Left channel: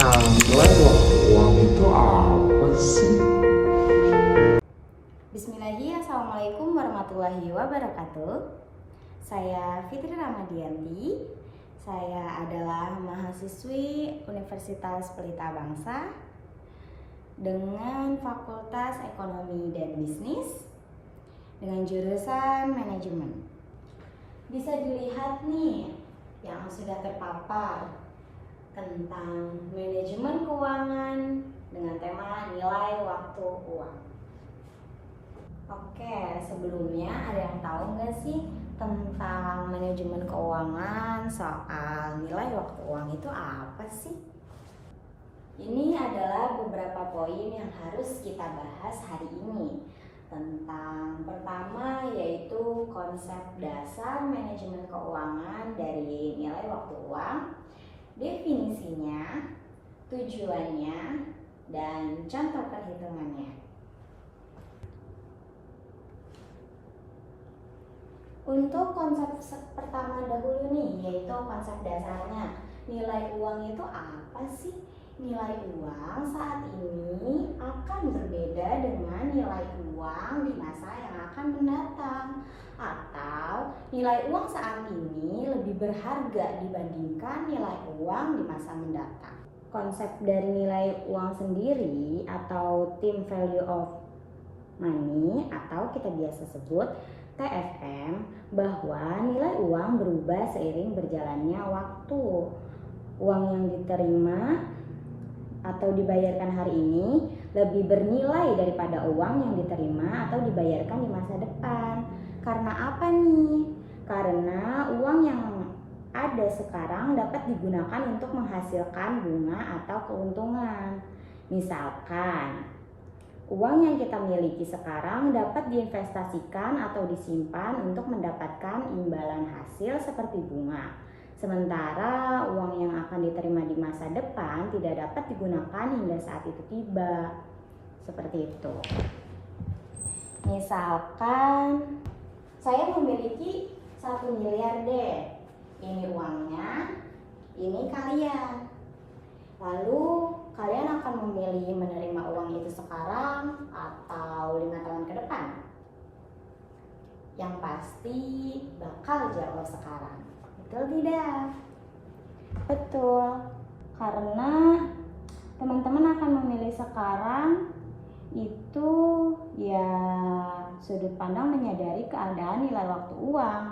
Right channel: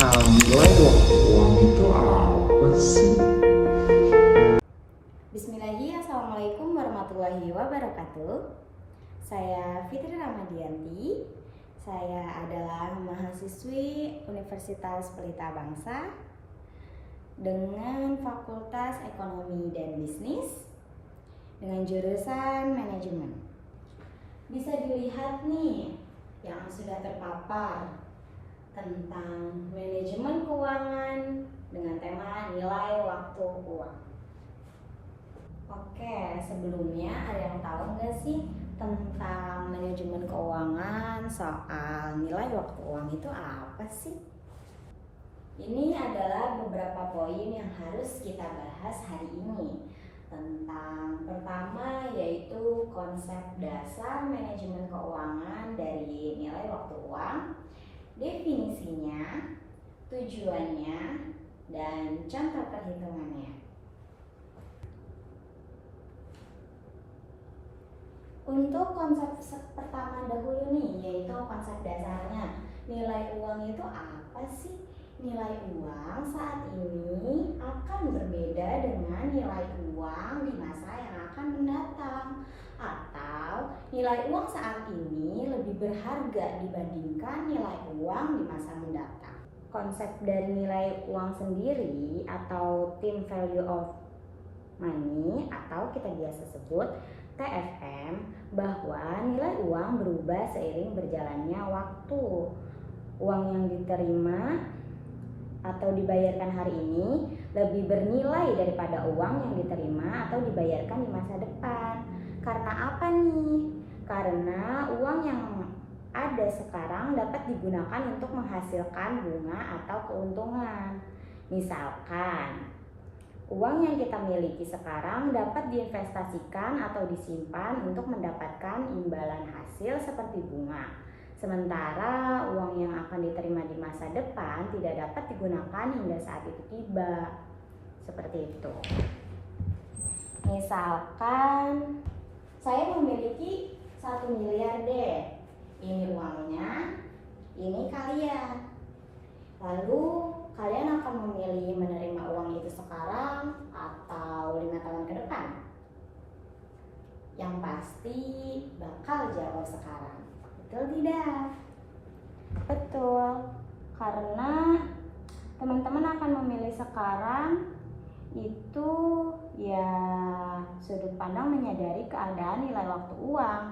Nilai waktu uang itu apa sih? Bismillahirrahmanirrahim. Assalamualaikum warahmatullahi wabarakatuh. Saya Fitri Ramadianti. Saya adalah mahasiswi Universitas Pelita Bangsa dengan Fakultas Ekonomi dan Bisnis dengan jurusan Manajemen. Bisa dilihat nih yang sudah terpapar tentang manajemen keuangan dengan tema nilai waktu uang. Oke, sebelumnya ada yang tahu nggak sih tentang manajemen keuangan soal nilai waktu uang itu apa sih? Ini adalah beberapa poin yang harus kita bahas hari ini. Tentang pertama yaitu konsep dasar manajemen keuangan dari nilai waktu uang, definisinya, tujuannya, dan contoh perhitungannya. Untuk konsep pertama dahulu nih, yaitu konsep dasarnya. Nilai uang itu apa sih? Nilai uang saat ini akan berbeda dengan nilai uang di masa yang akan mendatang. Atau nilai uang saat ini lebih berharga dibandingkan nilai uang di masa mendatang. Konsep dari nilai uang sendiri atau Time Value of Money atau kita biasa sebut TVM, bahwa nilai uang berubah seiring berjalannya waktu. Uang yang diterima atau dibayarkan hari ini lebih bernilai daripada uang yang diterima atau dibayarkan di masa depan. Karena apa nih? Karena uang yang ada sekarang dapat digunakan untuk menghasilkan bunga atau keuntungan. Misalkan, uang yang kita miliki sekarang dapat diinvestasikan atau disimpan untuk mendapatkan imbalan hasil seperti bunga. Sementara uang yang akan diterima di masa depan tidak dapat digunakan hingga saat itu tiba. Seperti itu. Misalkan saya memiliki 1 miliar deh. Ini uangnya, ini kalian. Lalu kalian akan memilih menerima uang itu sekarang atau 5 tahun ke depan? Yang pasti bakal jawab sekarang. Betul tidak? Betul. Karena teman-teman akan memilih sekarang itu ya sudut pandang menyadari keadaan nilai waktu uang.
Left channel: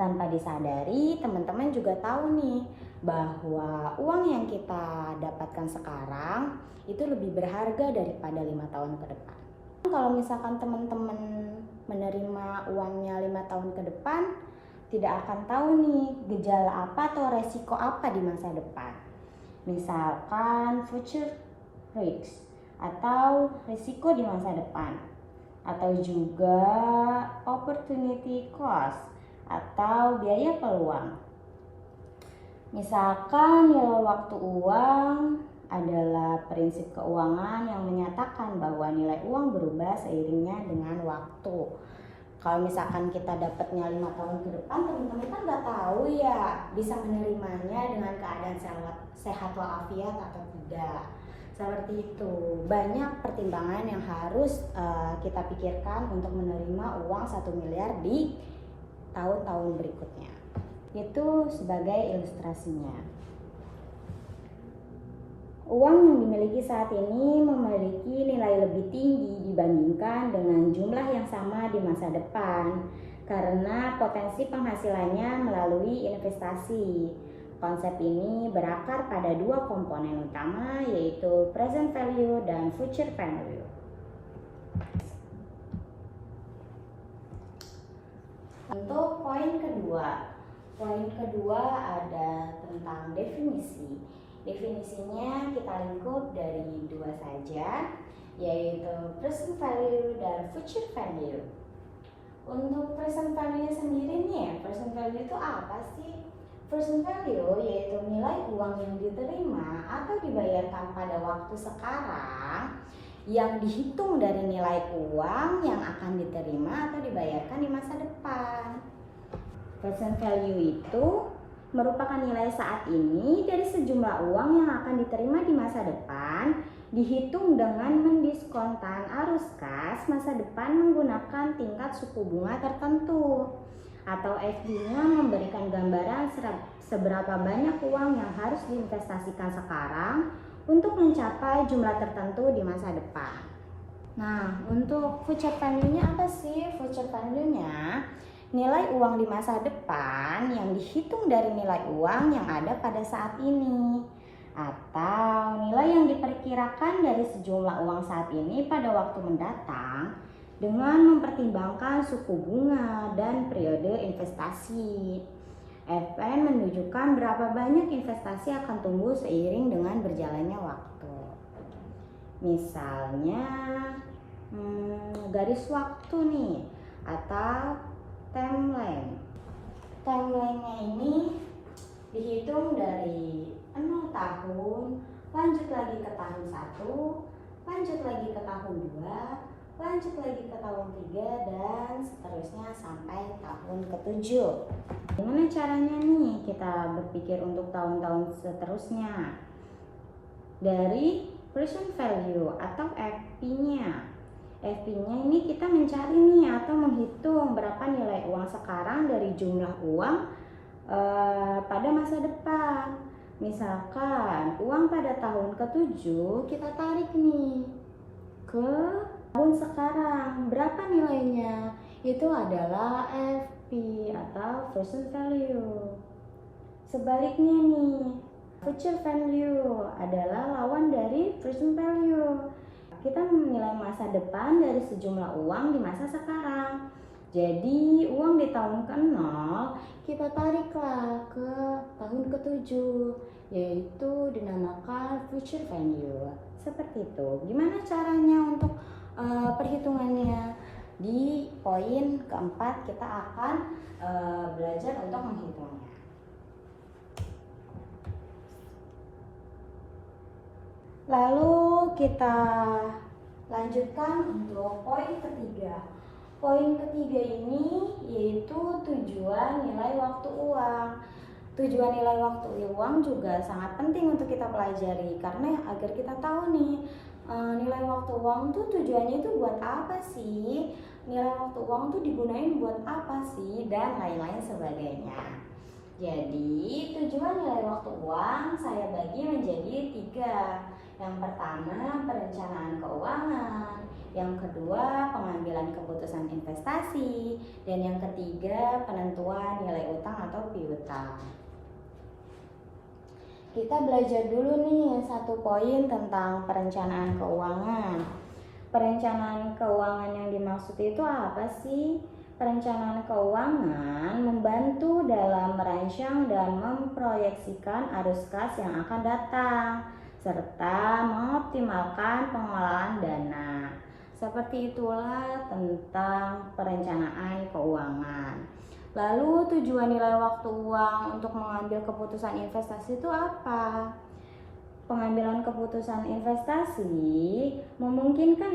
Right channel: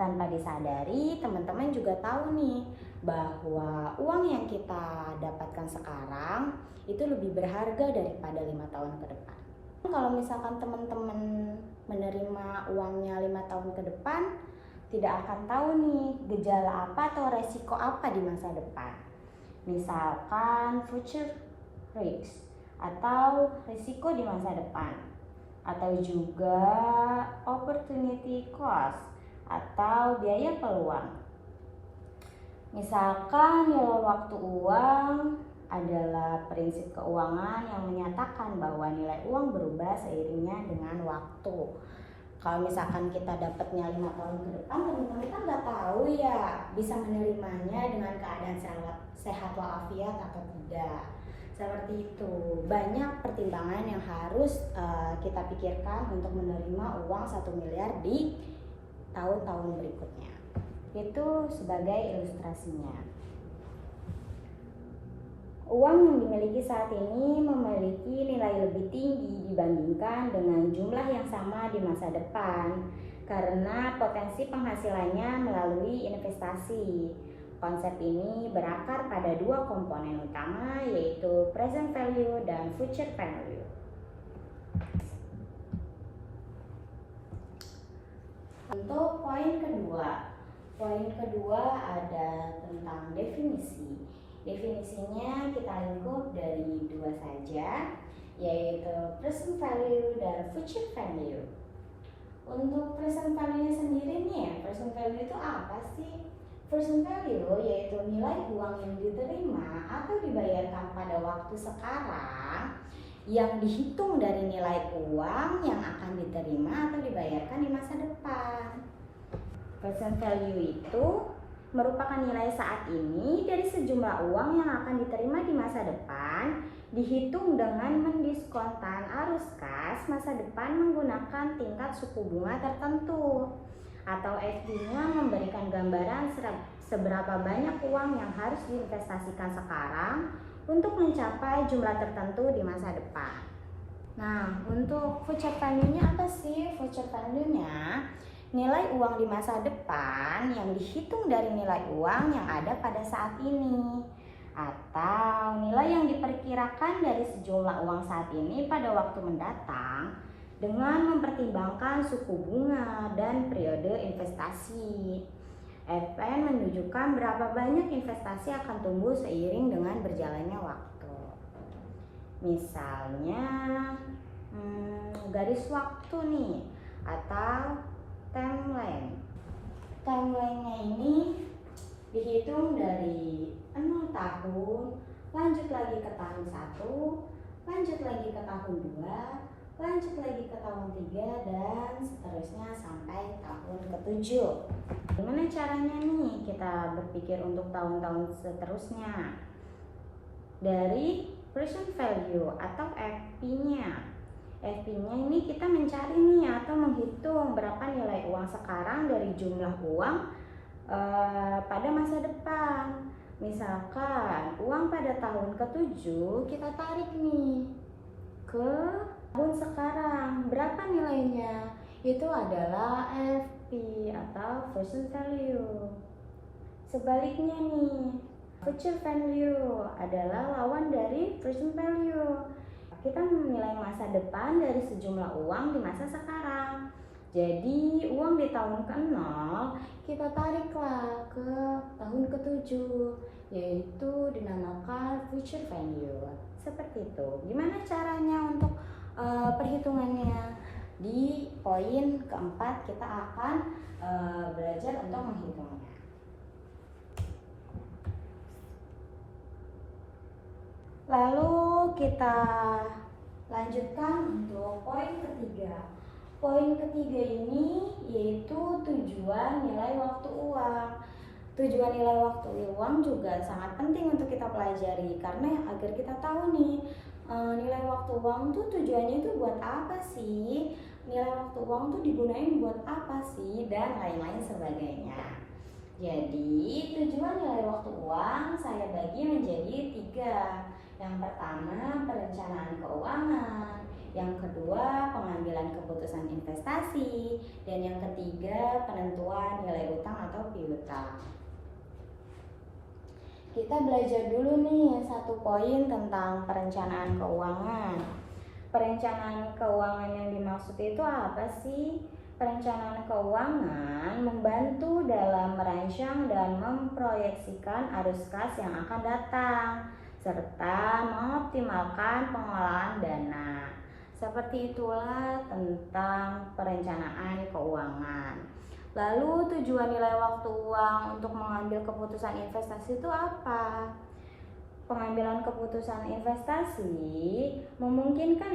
Tanpa disadari, teman-teman juga tahu nih bahwa uang yang kita dapatkan sekarang itu lebih berharga daripada 5 tahun ke depan. Kalau misalkan teman-teman menerima uangnya 5 tahun ke depan, tidak akan tahu nih gejala apa atau resiko apa di masa depan. Misalkan future risk atau risiko di masa depan, atau juga opportunity cost atau biaya peluang. Misalkan nilai waktu uang adalah prinsip keuangan yang menyatakan bahwa nilai uang berubah seiringnya dengan waktu. Kalau misalkan kita dapatnya 5 tahun ke depan, teman-teman kan nggak tahu ya bisa menerimanya dengan keadaan sehat walafiat atau tidak. Seperti itu. Banyak pertimbangan yang harus kita pikirkan untuk menerima uang 1 miliar di tahun-tahun berikutnya. Itu sebagai ilustrasinya. Uang yang dimiliki saat ini memiliki nilai lebih tinggi dibandingkan dengan jumlah yang sama di masa depan karena potensi penghasilannya melalui investasi. Konsep ini berakar pada 2 komponen utama, yaitu present value dan future value. Untuk poin kedua ada tentang definisi. Definisinya kita lingkup dari 2 saja, yaitu present value dan future value. Untuk present value sendiri nih, present value itu apa sih? Present value yaitu nilai uang yang diterima atau dibayarkan pada waktu sekarang yang dihitung dari nilai uang yang akan diterima atau dibayarkan di masa depan. Present value itu merupakan nilai saat ini dari sejumlah uang yang akan diterima di masa depan, dihitung dengan mendiskontan arus kas masa depan menggunakan tingkat suku bunga tertentu. Atau FD-nya memberikan gambaran seberapa banyak uang yang harus diinvestasikan sekarang untuk mencapai jumlah tertentu di masa depan. Nah, untuk future value-nya apa sih? Future value-nya nilai uang di masa depan yang dihitung dari nilai uang yang ada pada saat ini, atau nilai yang diperkirakan dari sejumlah uang saat ini pada waktu mendatang dengan mempertimbangkan suku bunga dan periode investasi. FN menunjukkan berapa banyak investasi akan tumbuh seiring dengan berjalannya waktu. Misalnya garis waktu nih, atau timeline. Timeline-nya ini dihitung dari 0 tahun, lanjut lagi ke tahun 1, lanjut lagi ke tahun 2, lanjut lagi ke tahun 3, dan seterusnya sampai tahun ke-7. Gimana caranya nih kita berpikir untuk tahun-tahun seterusnya? Dari present value atau FP-nya. FP-nya ini kita mencari nih atau menghitung berapa nilai uang sekarang dari jumlah uang pada masa depan. Misalkan uang pada tahun ke-7 kita tarik nih ke tahun sekarang. Berapa nilainya? Itu adalah FP atau present value. Sebaliknya nih, future value adalah lawan dari present value. Kita menilai masa depan dari sejumlah uang di masa sekarang. Jadi uang di tahun ke-0 kita tariklah ke tahun ke-7, yaitu dinamakan future value. Seperti itu. Gimana caranya untuk perhitungannya? Di poin keempat kita akan belajar untuk menghitungnya. Lalu kita lanjutkan untuk poin ketiga. Poin ketiga ini yaitu tujuan nilai waktu uang. Tujuan nilai waktu uang juga sangat penting untuk kita pelajari, karena agar kita tahu nih nilai waktu uang tuh tujuannya itu buat apa sih? Nilai waktu uang tuh digunain buat apa sih? Dan lain-lain sebagainya. Jadi tujuan nilai waktu uang saya bagi menjadi 3. Yang pertama, perencanaan keuangan. Yang kedua, pengambilan keputusan investasi. Dan yang ketiga, penentuan nilai utang atau piutang. Kita belajar dulu nih satu poin tentang perencanaan keuangan. Perencanaan keuangan yang dimaksud itu apa sih? Perencanaan keuangan membantu dalam merancang dan memproyeksikan arus kas yang akan datang, serta mengoptimalkan pengelolaan dana. Seperti itulah tentang perencanaan keuangan. Lalu tujuan nilai waktu uang untuk mengambil keputusan investasi itu apa? Pengambilan keputusan investasi memungkinkan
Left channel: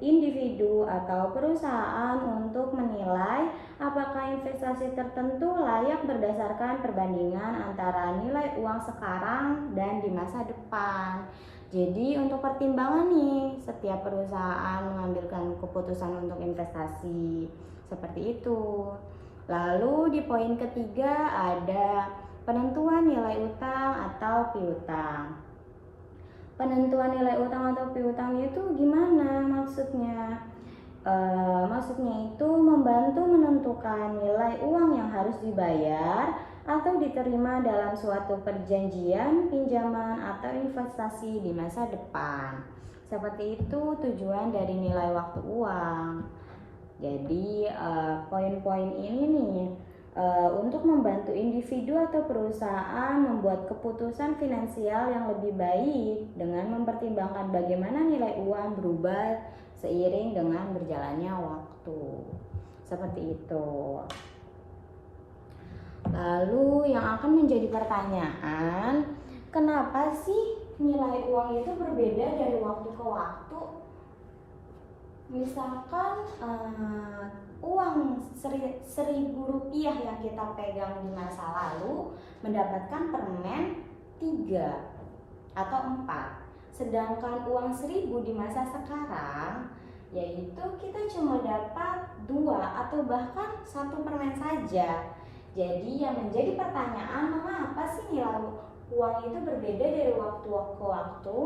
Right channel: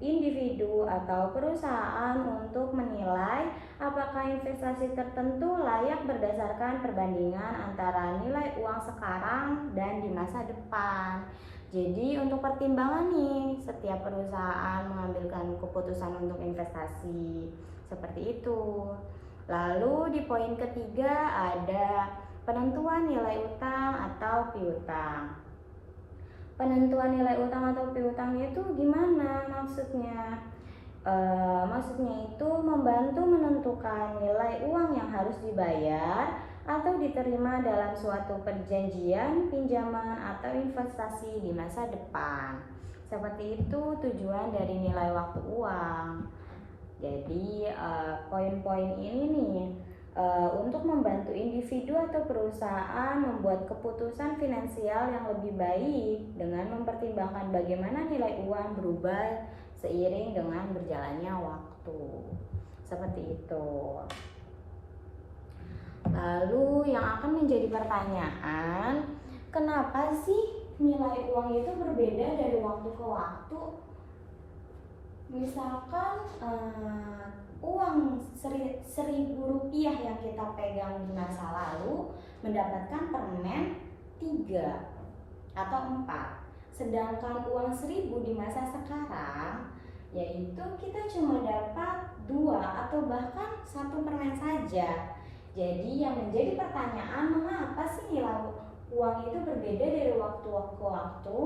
individu atau perusahaan untuk menilai apakah investasi tertentu layak berdasarkan perbandingan antara nilai uang sekarang dan di masa depan. Jadi untuk pertimbangan nih, setiap perusahaan mengambilkan keputusan untuk investasi seperti itu. Lalu di poin ketiga ada penentuan nilai utang atau piutang. Penentuan nilai utang atau piutang itu gimana maksudnya? Maksudnya itu membantu menentukan nilai uang yang harus dibayar atau diterima dalam suatu perjanjian, pinjaman, atau investasi di masa depan. Seperti itu tujuan dari nilai waktu uang. Jadi poin-poin ini nih untuk membantu individu atau perusahaan membuat keputusan finansial yang lebih baik dengan mempertimbangkan bagaimana nilai uang berubah seiring dengan berjalannya waktu. Seperti itu. Lalu yang akan menjadi pertanyaan, kenapa sih nilai uang itu berbeda dari waktu ke waktu? Misalkan uang Rp1.000 yang kita pegang di masa lalu mendapatkan permen 3 atau 4. Sedangkan uang 1.000 di masa sekarang yaitu kita cuma dapat 2 atau bahkan 1 permen saja. Jadi yang menjadi pertanyaan, mengapa sih nilai uang itu berbeda dari waktu ke waktu?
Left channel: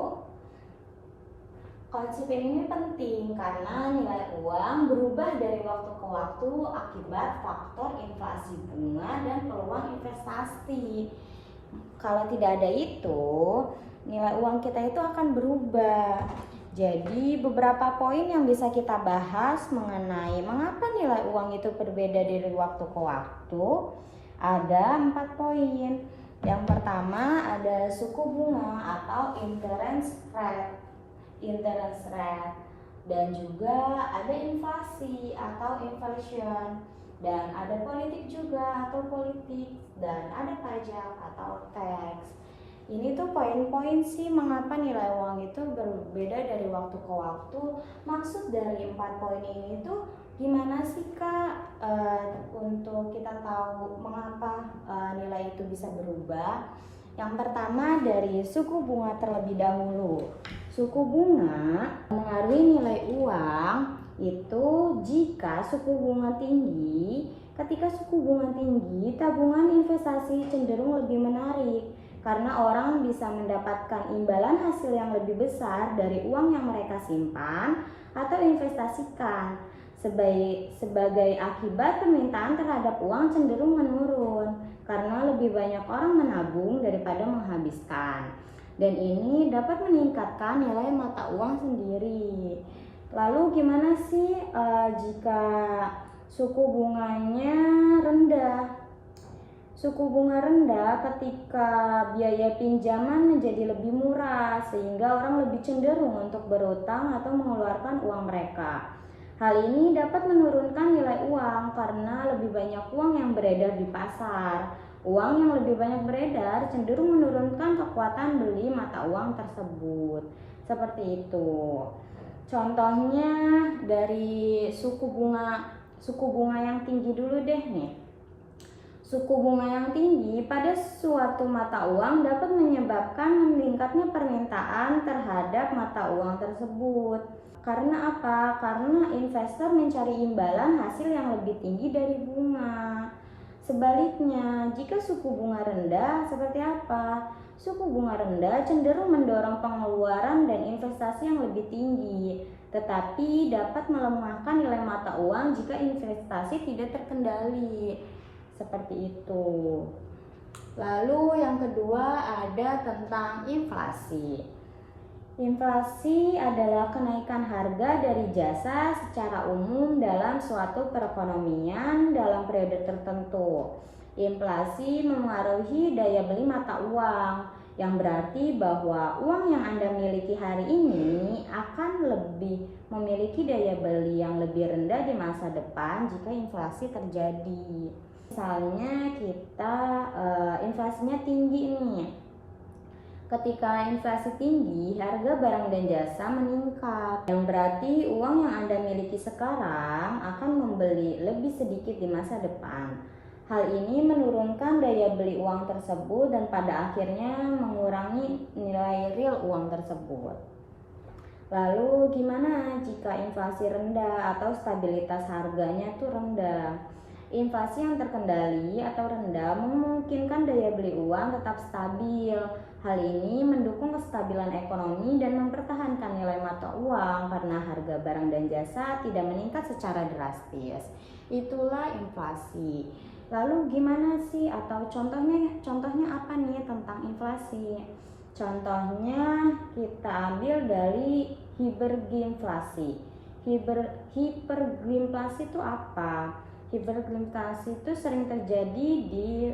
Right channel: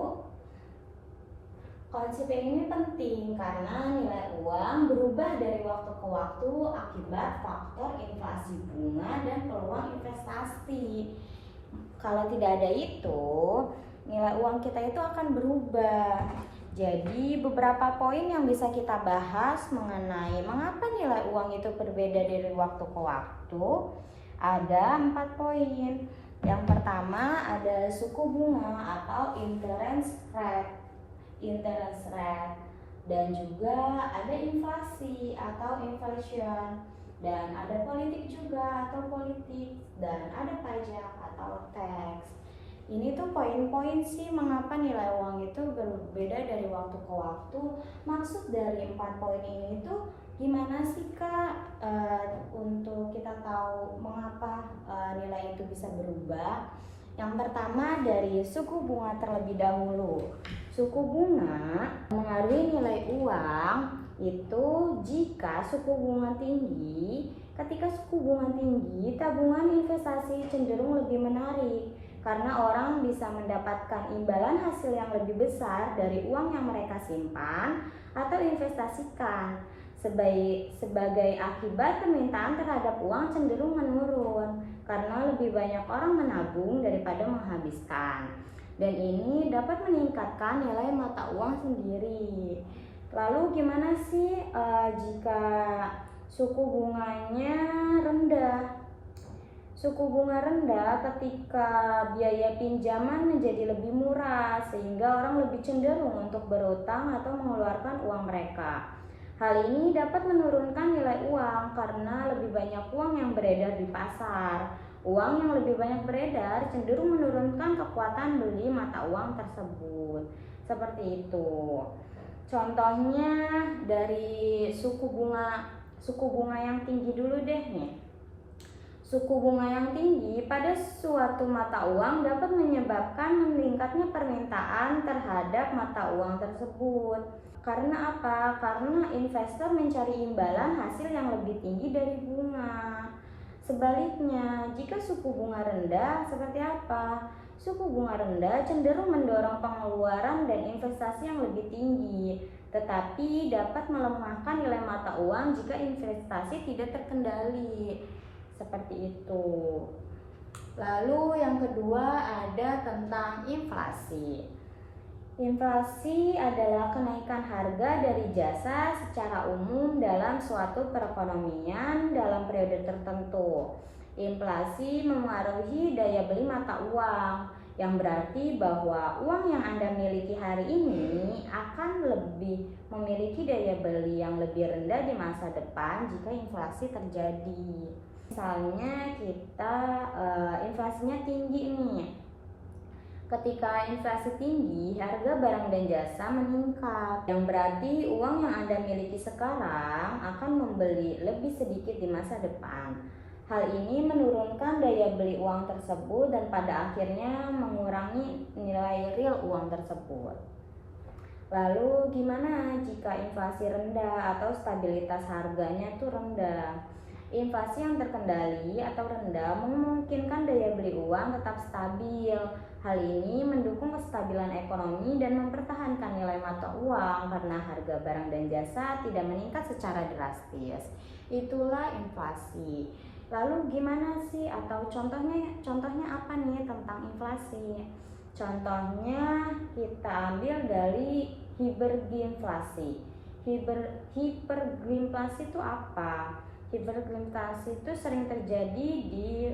Konsep ini penting karena nilai uang berubah dari waktu ke waktu akibat faktor inflasi bunga dan peluang investasi. Kalau tidak ada itu, nilai uang kita itu akan berubah. Jadi beberapa poin yang bisa kita bahas mengenai mengapa nilai uang itu berbeda dari waktu ke waktu. Ada 4 poin. Yang pertama ada suku bunga atau interest rate, dan juga ada inflasi atau inflation, dan ada politik juga atau politik, dan ada pajak atau tax. Ini tuh poin-poin sih mengapa nilai uang itu berbeda dari waktu ke waktu. Maksud dari 4 poin ini tuh gimana sih Kak untuk kita tahu mengapa nilai itu bisa berubah? Yang pertama dari suku bunga terlebih dahulu. Suku bunga mengaruhi nilai uang itu jika suku bunga tinggi. Ketika suku bunga tinggi, tabungan investasi cenderung lebih menarik karena orang bisa mendapatkan imbalan hasil yang lebih besar dari uang yang mereka simpan atau investasikan. Sebagai akibat, permintaan terhadap uang cenderung menurun karena lebih banyak orang menabung daripada menghabiskan. Dan ini dapat meningkatkan nilai mata uang sendiri. Lalu gimana sih jika suku bunganya rendah? Suku bunga rendah ketika biaya pinjaman menjadi lebih murah sehingga orang lebih cenderung untuk berutang atau mengeluarkan uang mereka. Hal ini dapat menurunkan nilai uang karena lebih banyak uang yang beredar di pasar. Uang yang lebih banyak beredar cenderung menurunkan kekuatan beli mata uang tersebut. Seperti itu. Contohnya dari suku bunga yang tinggi dulu deh nih. Suku bunga yang tinggi pada suatu mata uang dapat menyebabkan meningkatnya permintaan terhadap mata uang tersebut. Karena apa? Karena investor mencari imbalan hasil yang lebih tinggi dari bunga. Sebaliknya, jika suku bunga rendah, seperti apa? Suku bunga rendah cenderung mendorong pengeluaran dan investasi yang lebih tinggi, tetapi dapat melemahkan nilai mata uang jika investasi tidak terkendali. Seperti itu. Lalu yang kedua ada tentang inflasi. Inflasi adalah kenaikan harga dari jasa secara umum dalam suatu perekonomian dalam periode tertentu. Inflasi memengaruhi daya beli mata uang, yang berarti bahwa uang yang Anda miliki hari ini akan lebih memiliki daya beli yang lebih rendah di masa depan jika inflasi terjadi. Misalnya kita inflasinya tinggi nih. Ketika inflasi tinggi, harga barang dan jasa meningkat, yang berarti uang yang Anda miliki sekarang akan membeli lebih sedikit di masa depan. Hal ini menurunkan daya beli uang tersebut dan pada akhirnya mengurangi nilai real uang tersebut. Lalu gimana jika inflasi rendah atau stabilitas harganya tuh rendah? Inflasi yang terkendali atau rendah memungkinkan daya beli uang tetap stabil. Hal ini mendukung kestabilan ekonomi dan mempertahankan nilai mata uang karena harga barang dan jasa tidak meningkat secara drastis. Itulah inflasi. Lalu gimana sih atau contohnya apa nih tentang inflasi? Contohnya kita ambil dari hiperginflasi. Hiperginflasi itu apa? Hiperginflasi itu sering terjadi di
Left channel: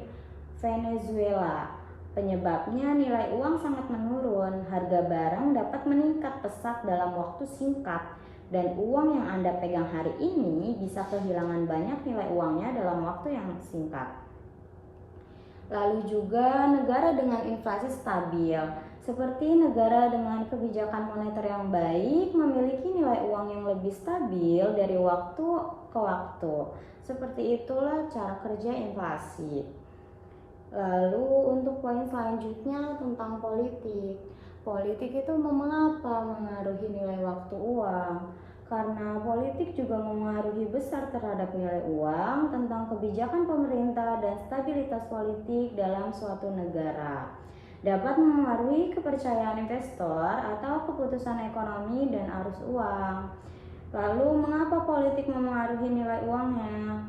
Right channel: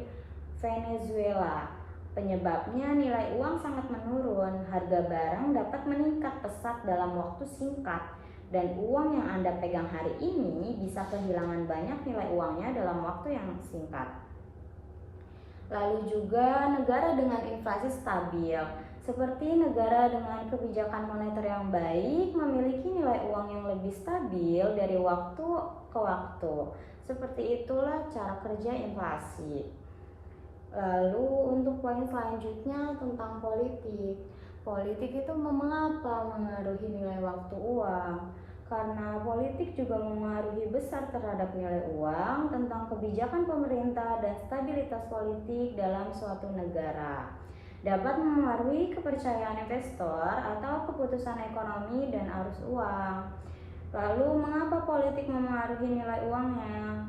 Venezuela. Penyebabnya nilai uang sangat menurun, harga barang dapat meningkat pesat dalam waktu singkat, dan uang yang Anda pegang hari ini bisa kehilangan banyak nilai uangnya dalam waktu yang singkat. Lalu juga negara dengan inflasi stabil, seperti negara dengan kebijakan moneter yang baik memiliki nilai uang yang lebih stabil dari waktu ke waktu. Seperti itulah cara kerja inflasi. Lalu untuk poin selanjutnya tentang politik. Politik itu mengapa mengaruhi nilai waktu uang? Karena politik juga mengaruhi besar terhadap nilai uang, tentang kebijakan pemerintah dan stabilitas politik dalam suatu negara. Dapat memengaruhi kepercayaan investor atau keputusan ekonomi dan arus uang. Lalu mengapa politik memengaruhi nilai uangnya?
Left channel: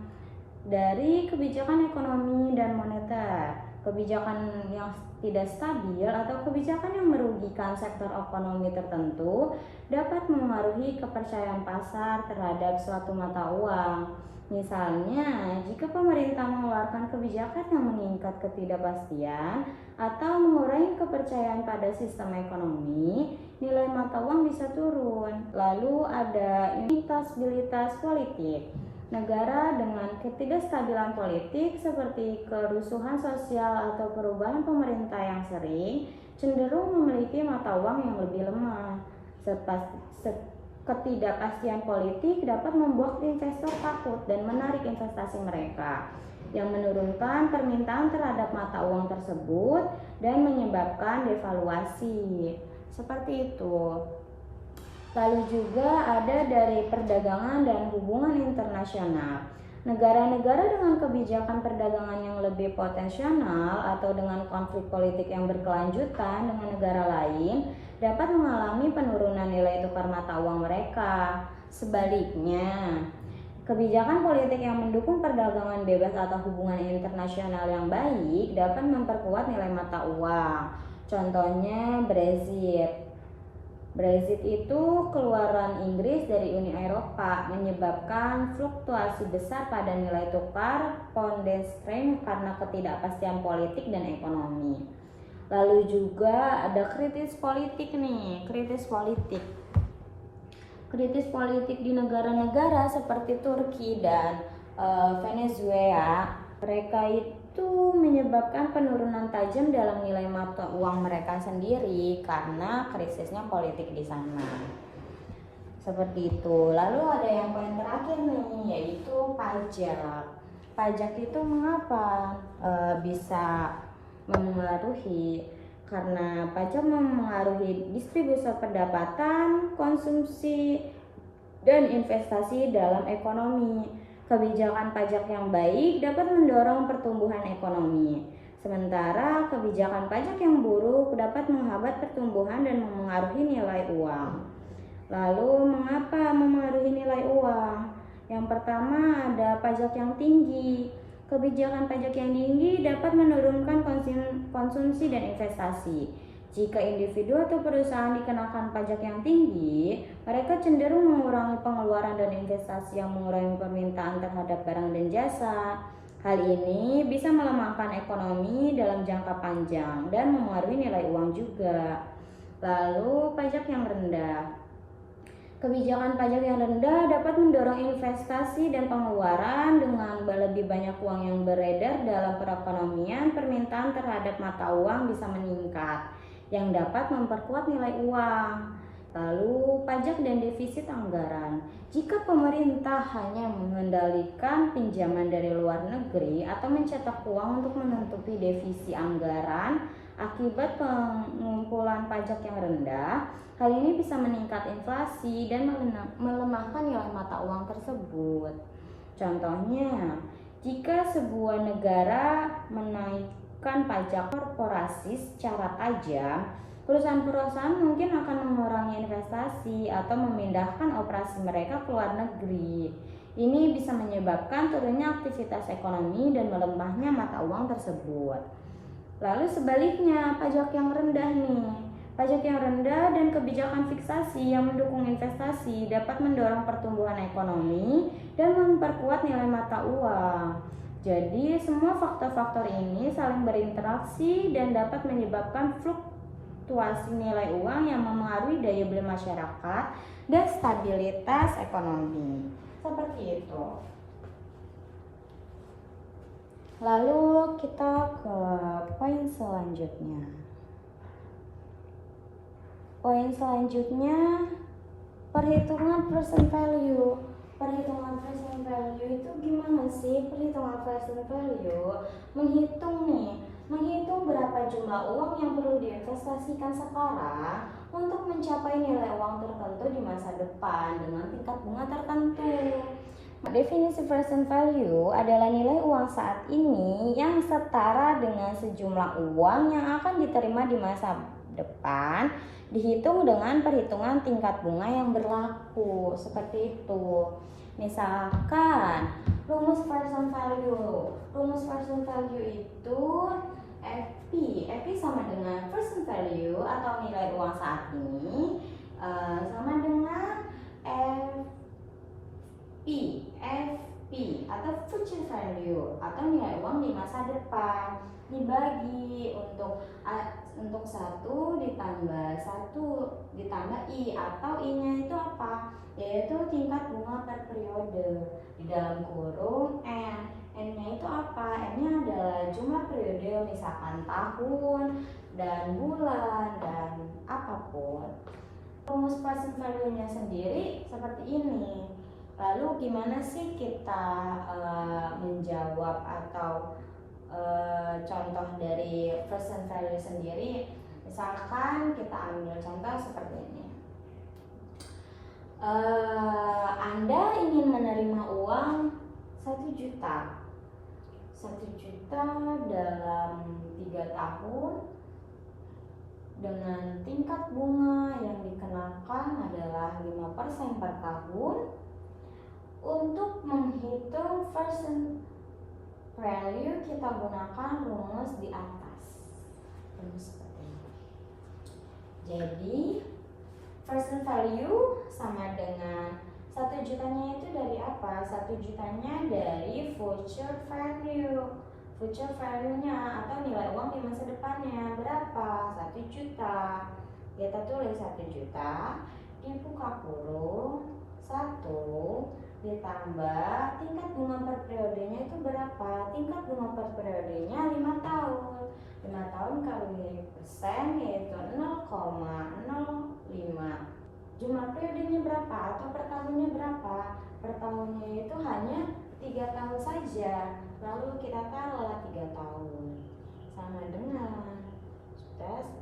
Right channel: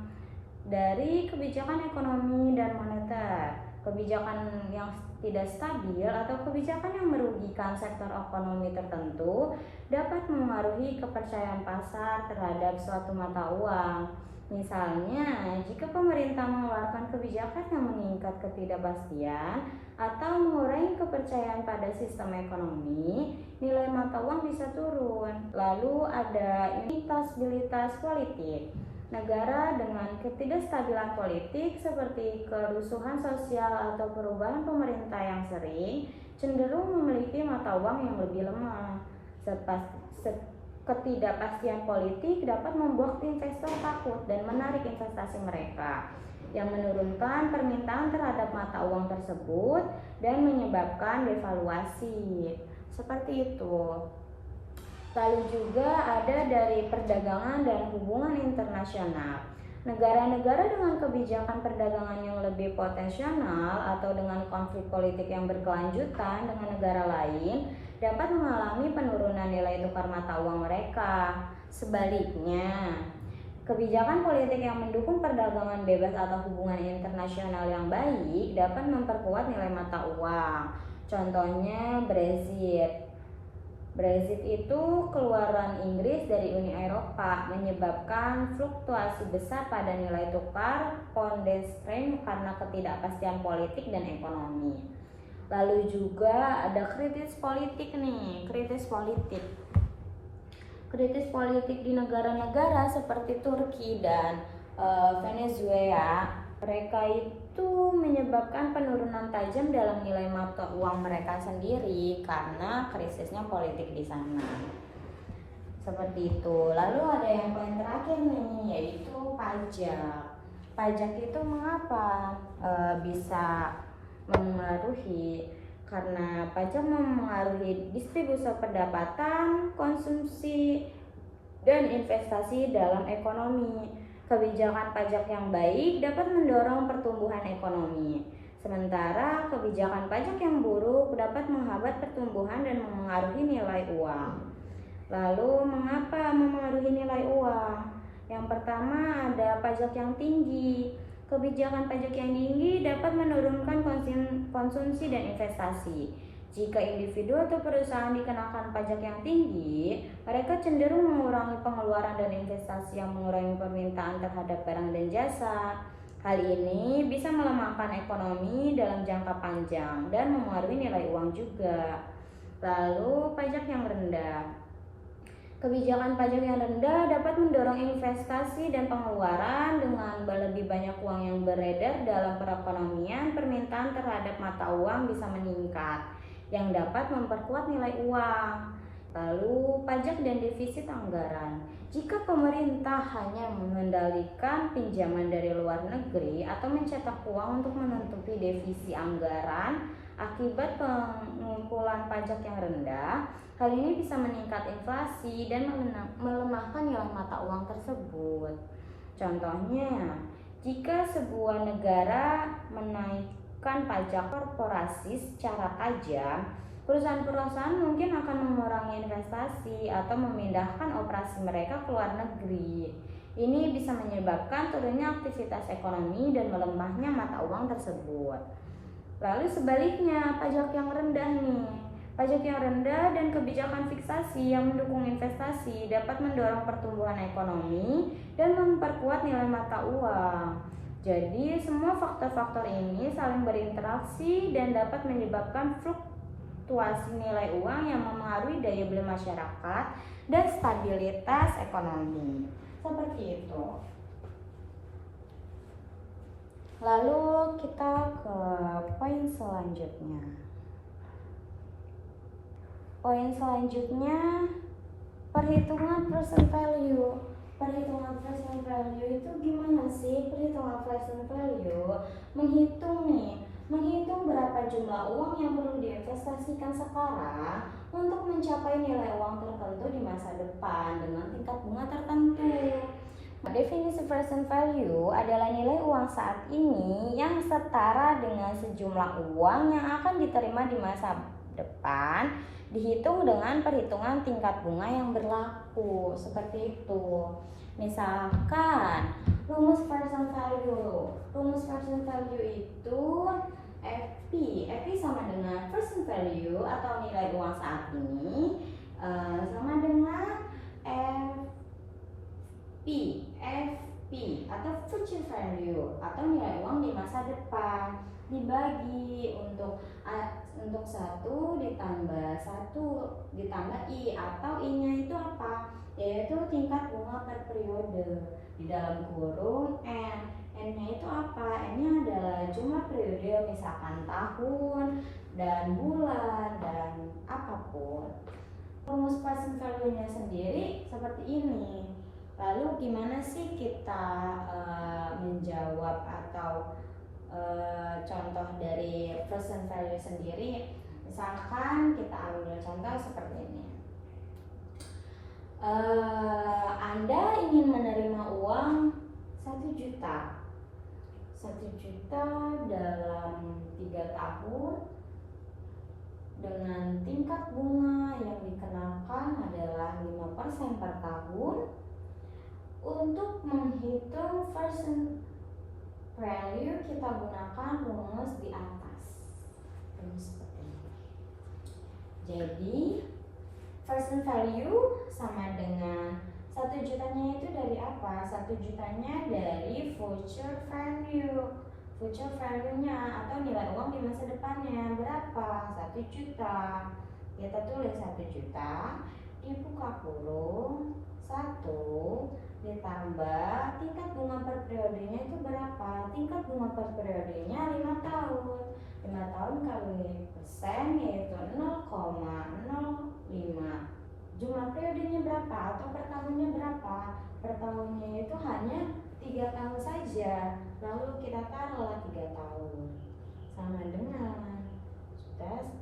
Dari kebijakan ekonomi dan moneter, kebijakan yang tidak stabil atau kebijakan yang merugikan sektor ekonomi tertentu dapat memengaruhi kepercayaan pasar terhadap suatu mata uang. Misalnya, jika pemerintah mengeluarkan kebijakan yang meningkat ketidakpastian atau mengurangi kepercayaan pada sistem ekonomi, nilai mata uang bisa turun. Lalu ada instabilitas politik. Negara dengan ketidakstabilan politik seperti kerusuhan sosial atau perubahan pemerintah yang sering cenderung memiliki mata uang yang lebih lemah. Ketidakpastian politik dapat membuat investor takut dan menarik investasi mereka, yang menurunkan permintaan terhadap mata uang tersebut dan menyebabkan devaluasi. Seperti itu. Lalu juga ada dari perdagangan dan hubungan internasional. Negara-negara dengan kebijakan perdagangan yang lebih potensial atau dengan konflik politik yang berkelanjutan dengan negara lain dapat mengalami penurunan nilai tukar mata uang mereka. Sebaliknya, kebijakan politik yang mendukung perdagangan bebas atau hubungan internasional yang baik dapat memperkuat nilai mata uang. Contohnya Brexit. Brexit itu keluaran Inggris dari Uni Eropa menyebabkan fluktuasi besar pada nilai tukar pound sterling karena ketidakpastian politik dan ekonomi. Lalu juga ada kritis politik nih, kritis politik di negara-negara seperti Turki dan Venezuela. Mereka itu menyebabkan penurunan tajam dalam nilai mata uang mereka sendiri karena krisisnya politik di sana. Seperti itu. Lalu ada yang poin terakhir nih, yaitu pajak. Pajak itu mengapa bisa memengaruhi? Karena pajak memengaruhi distribusi pendapatan, konsumsi, dan investasi dalam ekonomi. Kebijakan pajak yang baik dapat mendorong pertumbuhan ekonomi, sementara kebijakan pajak yang buruk dapat menghambat pertumbuhan dan memengaruhi nilai uang. Lalu, mengapa memengaruhi nilai uang? Yang pertama ada pajak yang tinggi. Kebijakan pajak yang tinggi dapat menurunkan konsumsi dan investasi. Jika individu atau perusahaan dikenakan pajak yang tinggi, mereka cenderung mengurangi pengeluaran dan investasi yang mengurangi permintaan terhadap barang dan jasa. Hal ini bisa melemahkan ekonomi dalam jangka panjang dan mempengaruhi nilai uang juga. Lalu, pajak yang rendah. Kebijakan pajak yang rendah dapat mendorong investasi dan pengeluaran. Dengan lebih banyak uang yang beredar dalam perekonomian, permintaan terhadap mata uang bisa meningkat, yang dapat memperkuat nilai uang. Lalu, pajak dan defisit anggaran. Jika pemerintah hanya mengendalikan pinjaman dari luar negeri atau mencetak uang untuk menutupi defisit anggaran akibat pengumpulan pajak yang rendah, hal ini bisa meningkat inflasi dan melemahkan nilai mata uang tersebut. Contohnya, jika sebuah negara menaikkan pajak korporasi secara tajam, perusahaan-perusahaan mungkin akan mengurangi investasi atau memindahkan operasi mereka ke luar negeri. Ini bisa menyebabkan turunnya aktivitas ekonomi dan melemahnya mata uang tersebut. Lalu sebaliknya, pajak yang rendah nih. Pajak yang rendah dan kebijakan fiksasi yang mendukung investasi dapat mendorong pertumbuhan ekonomi dan memperkuat nilai mata uang. Jadi, semua faktor-faktor ini saling berinteraksi dan dapat menyebabkan fluktuasi nilai uang yang mempengaruhi daya beli masyarakat dan stabilitas ekonomi. Seperti itu. Lalu kita ke poin selanjutnya. Poin selanjutnya, perhitungan present value. Perhitungan present value itu gimana sih? Perhitungan present value menghitung berapa jumlah uang yang perlu diinvestasikan sekarang untuk mencapai nilai uang tertentu di masa depan dengan tingkat bunga tertentu. Definisi present value adalah nilai uang saat ini yang setara dengan sejumlah uang yang akan diterima di masa depan, dihitung dengan perhitungan tingkat bunga yang berlaku. Seperti itu. Misalkan rumus present value itu FP sama dengan present value atau nilai uang saat ini sama dengan FP atau future value atau nilai uang di masa depan, dibagi untuk 1 ditambah I, atau I-nya itu apa? Yaitu tingkat bunga per periode di dalam kurung N. N-nya itu apa? N-nya adalah jumlah periode, misalkan tahun dan bulan dan apapun. Rumus present value-nya sendiri seperti ini. Lalu gimana sih kita menjawab atau contoh dari present value sendiri? Misalkan kita ambil contoh seperti ini. Anda ingin menerima uang 1 juta. 1 juta dalam 3 tahun dengan tingkat bunga yang dikenakan adalah 5% per tahun. Untuk menghitung present value kita gunakan rumus di atas. Rumus seperti ini. Jadi present value sama dengan 1 jutanya itu dari apa? 1 jutanya dari future value. Future value-nya atau nilai uang di masa depannya berapa? 1 juta. Kita tulis 1 juta dibuka kurung 1 ditambah tingkat bunga per periodenya itu berapa? Tingkat bunga per periodenya 5 tahun. 5 tahun kali persen yaitu 0,05. Jumlah periodenya berapa atau per tahunnya berapa? Per tahunnya itu hanya 3 tahun saja. Lalu kita taruhlah 3 tahun. Sama dengan juta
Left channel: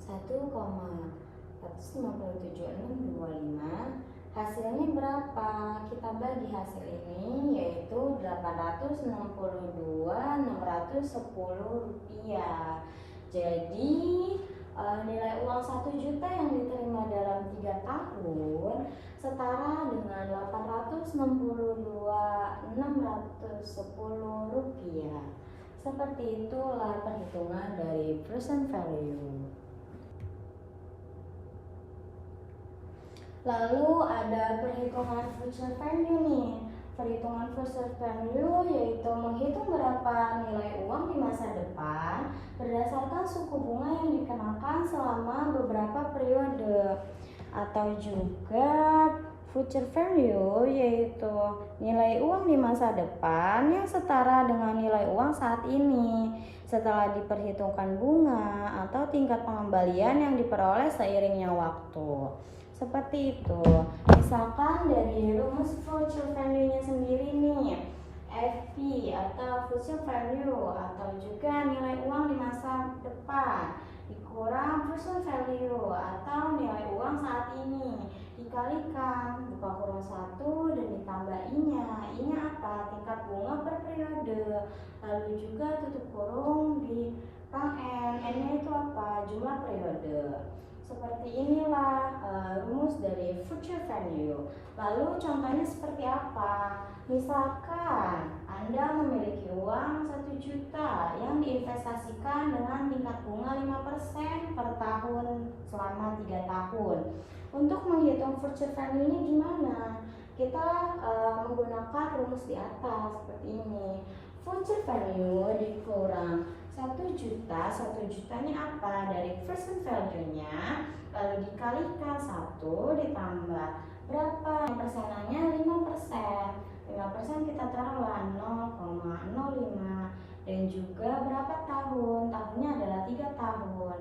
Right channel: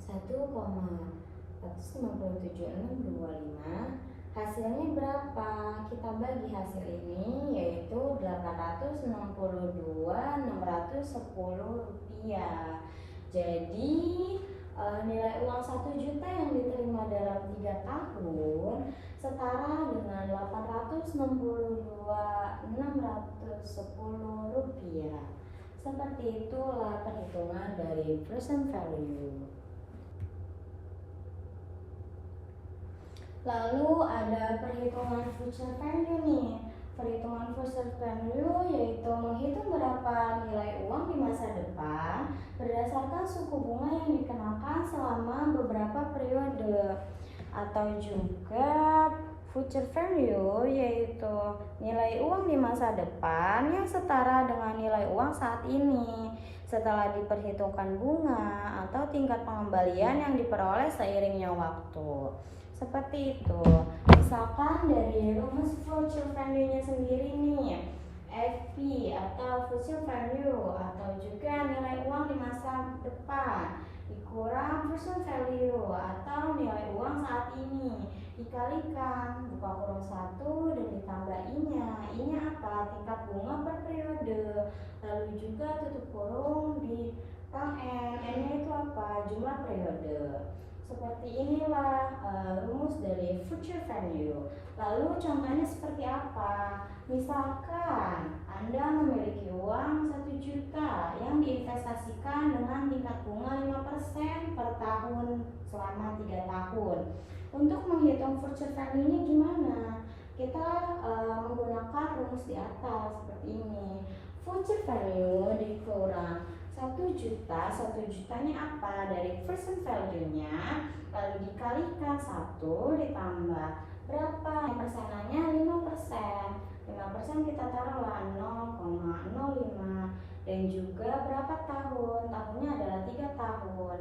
1,157,625. Hasilnya berapa? Kita bagi hasil ini yaitu 862.610 rupiah. Jadi nilai uang 1 juta yang diterima dalam 3 tahun setara dengan 862.610 rupiah. Seperti itulah perhitungan dari present value. Lalu ada perhitungan future value nih. Perhitungan future value yaitu menghitung berapa nilai uang di masa depan berdasarkan suku bunga yang dikenakan selama beberapa periode. Atau juga future value yaitu nilai uang di masa depan yang setara dengan nilai uang saat ini setelah diperhitungkan bunga atau tingkat pengembalian yang diperoleh seiringnya waktu. Seperti itu. Misalkan dari rumus future value-nya sendiri nih, FP atau future value atau juga nilai uang di masa depan dikurang present value atau nilai uang saat ini dikalikan buka kurung 1 dan ditambah I-nya apa? Tingkat bunga per periode. Lalu juga tutup kurung di N-nya itu apa? Jumlah periode. Seperti inilah rumus dari future value. Lalu contohnya seperti apa? Misalkan Anda memiliki uang 1 juta yang diinvestasikan dengan tingkat bunga 5% per tahun selama 3 tahun. Untuk menghitung future value ini gimana? Kita menggunakan rumus di atas seperti ini. Future value dikurang 1 juta, 1 jutanya apa? Dari present value-nya, lalu dikalikan 1 ditambah berapa? Persenannya 5%. 5% kita taruhlah 0,05, dan juga berapa tahun? Tahunnya adalah 3 tahun.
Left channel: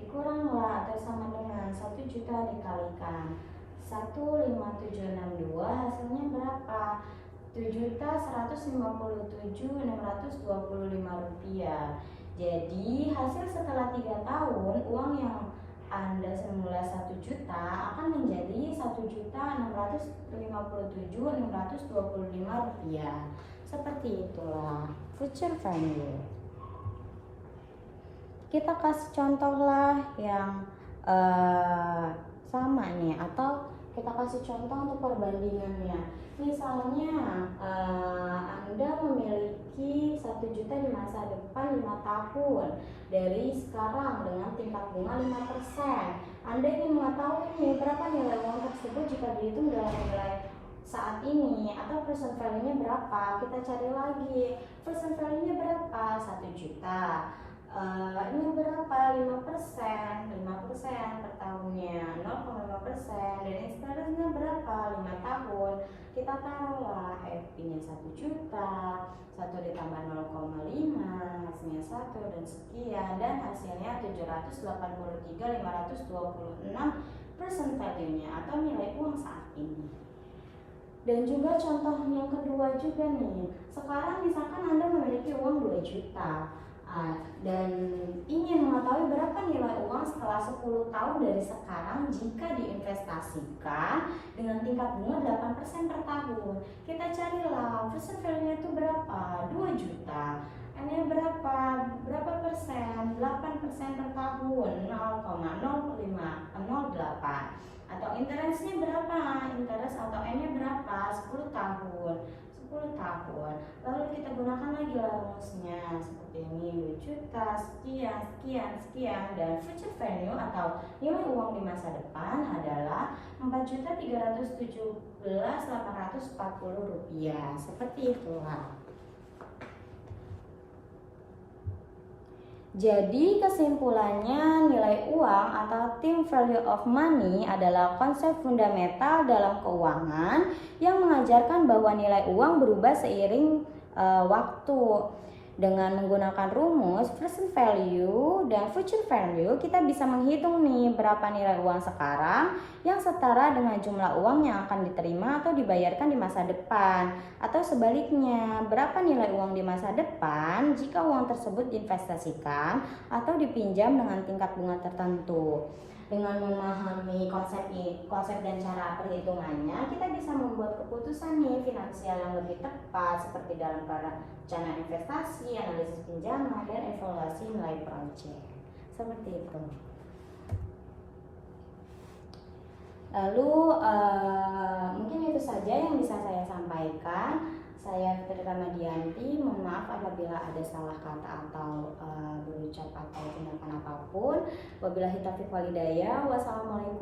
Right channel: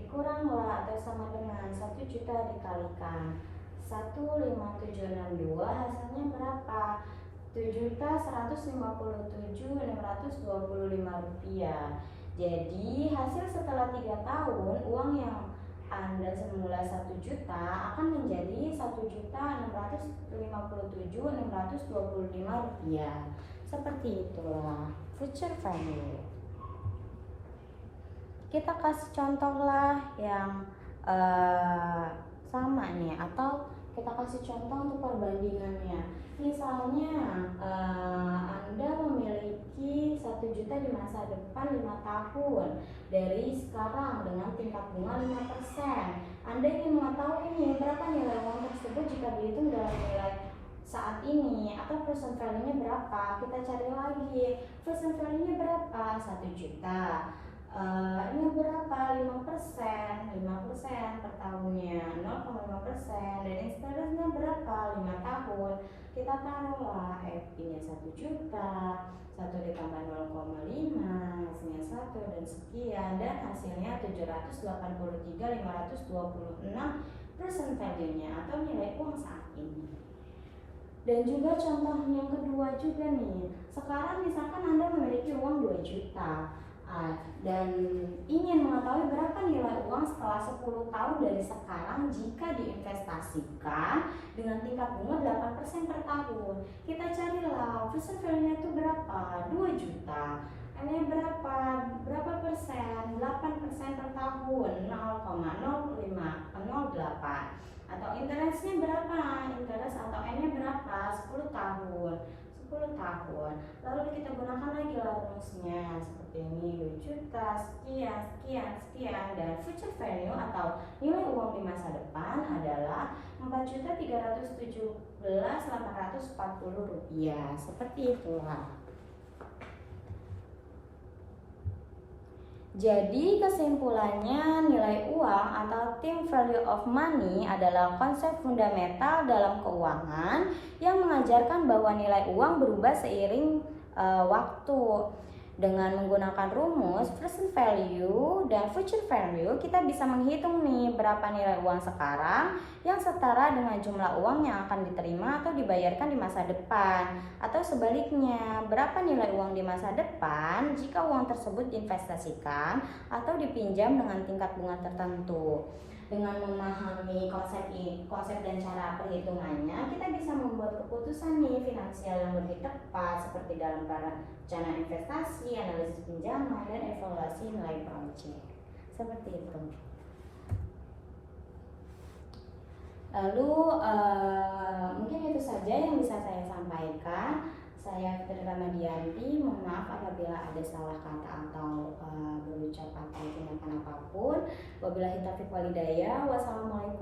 Dikuranglah atau sama dengan 1 juta dikalikan 15762, hasilnya berapa? 7.157.625 rupiah. Jadi hasil setelah 3 tahun, uang yang Anda semula 1 juta akan menjadi 1.657.625 rupiah. Seperti itulah future value. Kita kasih contoh lah yang sama nih, atau kita kasih contoh untuk perbandingannya. Misalnya Anda memiliki 1 juta di masa depan 5 tahun dari sekarang dengan tingkat bunga 5%. Anda ingin mengetahui nih berapa nilai uang tersebut jika dihitung dalam nilai saat ini, atau present value-nya berapa. Kita cari lagi present value-nya berapa, 1 juta. Ini berapa? 5% per tahunnya, 0,5%, dan interestnya berapa? 5 tahun. Kita taruhlah FP-nya 1 juta, 1 ditambah 0,5, hasilnya 1 dan sekian, dan hasilnya 783.526 present value-nya atau nilai uang saat ini. Dan juga contoh yang kedua juga nih, sekarang misalkan Anda memiliki uang 2 juta dan ingin mengetahui berapa nilai uang setelah 10 tahun dari sekarang jika diinvestasikan dengan tingkat bunga 8% per tahun. Kita carilah present value-nya itu berapa? 2 juta. N-nya berapa? Berapa persen? 8% per tahun, 0,0508. Atau interestnya berapa? Interest atau N-nya berapa? 10 tahun. 10 tahun. Lalu kita gunakan lagi rumusnya seperti ini, 2 juta, sekian, dan future value atau nilai uang di masa depan adalah 4.317.840 rupiah. Seperti itulah. Jadi kesimpulannya, nilai uang atau time value of money adalah konsep fundamental dalam keuangan yang mengajarkan bahwa nilai uang berubah seiring waktu. Dengan menggunakan rumus present value dan future value, kita bisa menghitung nih berapa nilai uang sekarang yang setara dengan jumlah uang yang akan diterima atau dibayarkan di masa depan, atau sebaliknya, berapa nilai uang di masa depan jika uang tersebut diinvestasikan atau dipinjam dengan tingkat bunga tertentu. Dengan memahami konsep dan cara perhitungannya, kita bisa membuat keputusan nih finansial yang lebih tepat seperti dalam rencana investasi, analisis pinjaman, dan evaluasi nilai proyek. Seperti itu. Lalu mungkin itu saja yang bisa saya sampaikan. Saya Fitri Ramadianti, mohon maaf apabila ada salah kata atau berucap atau tindakan apapun. Wabillahi taufiq walhidayah. Wassalamualaikum